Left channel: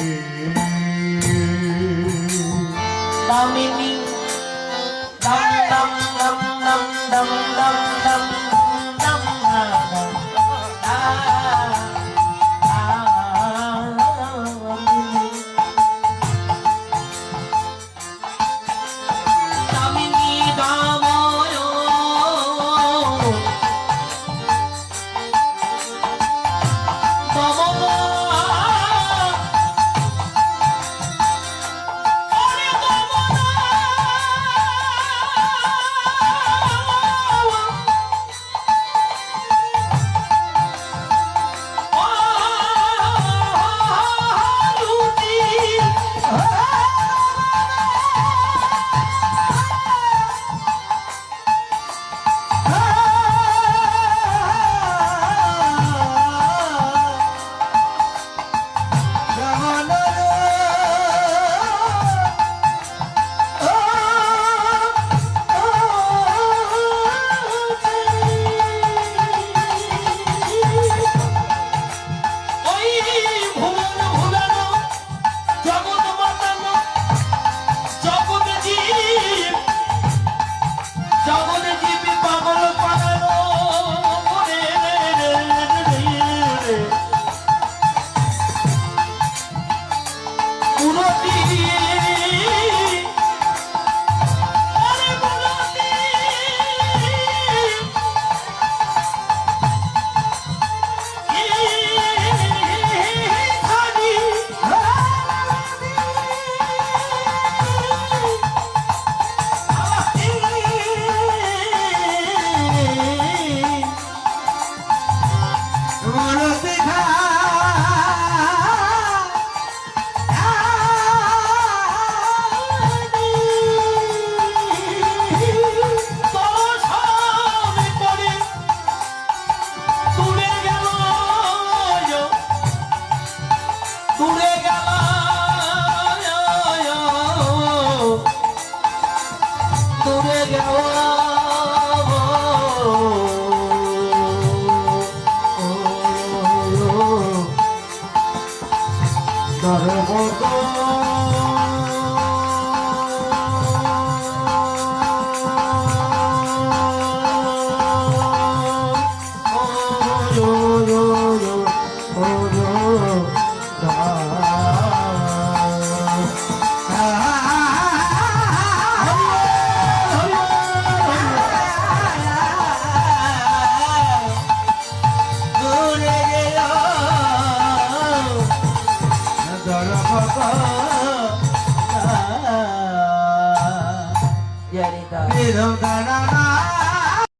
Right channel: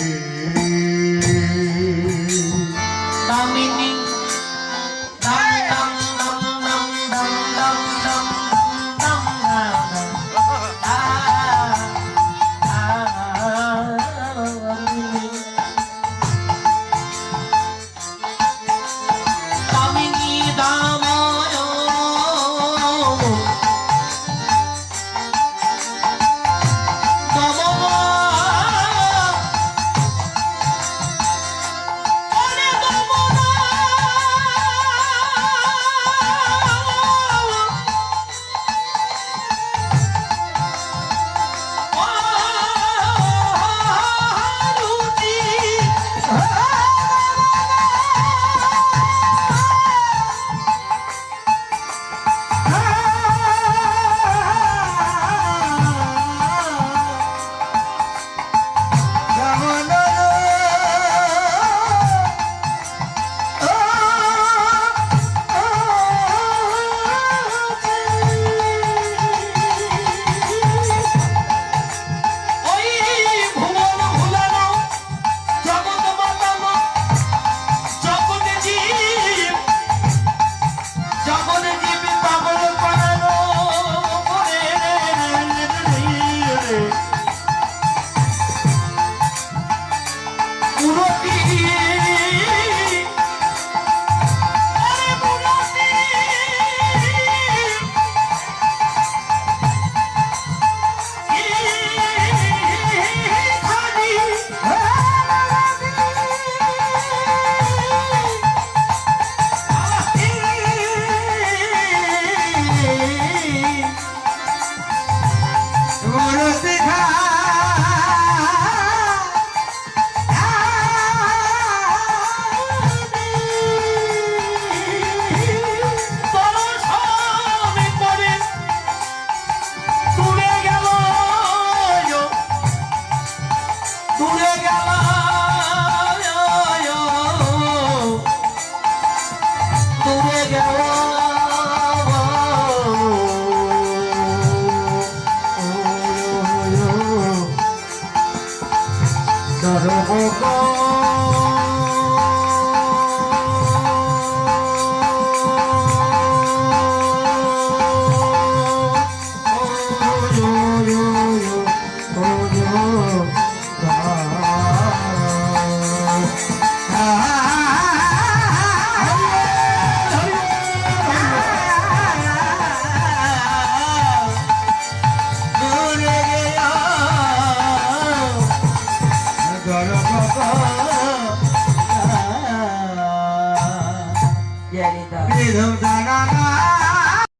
here. Hare Krishna.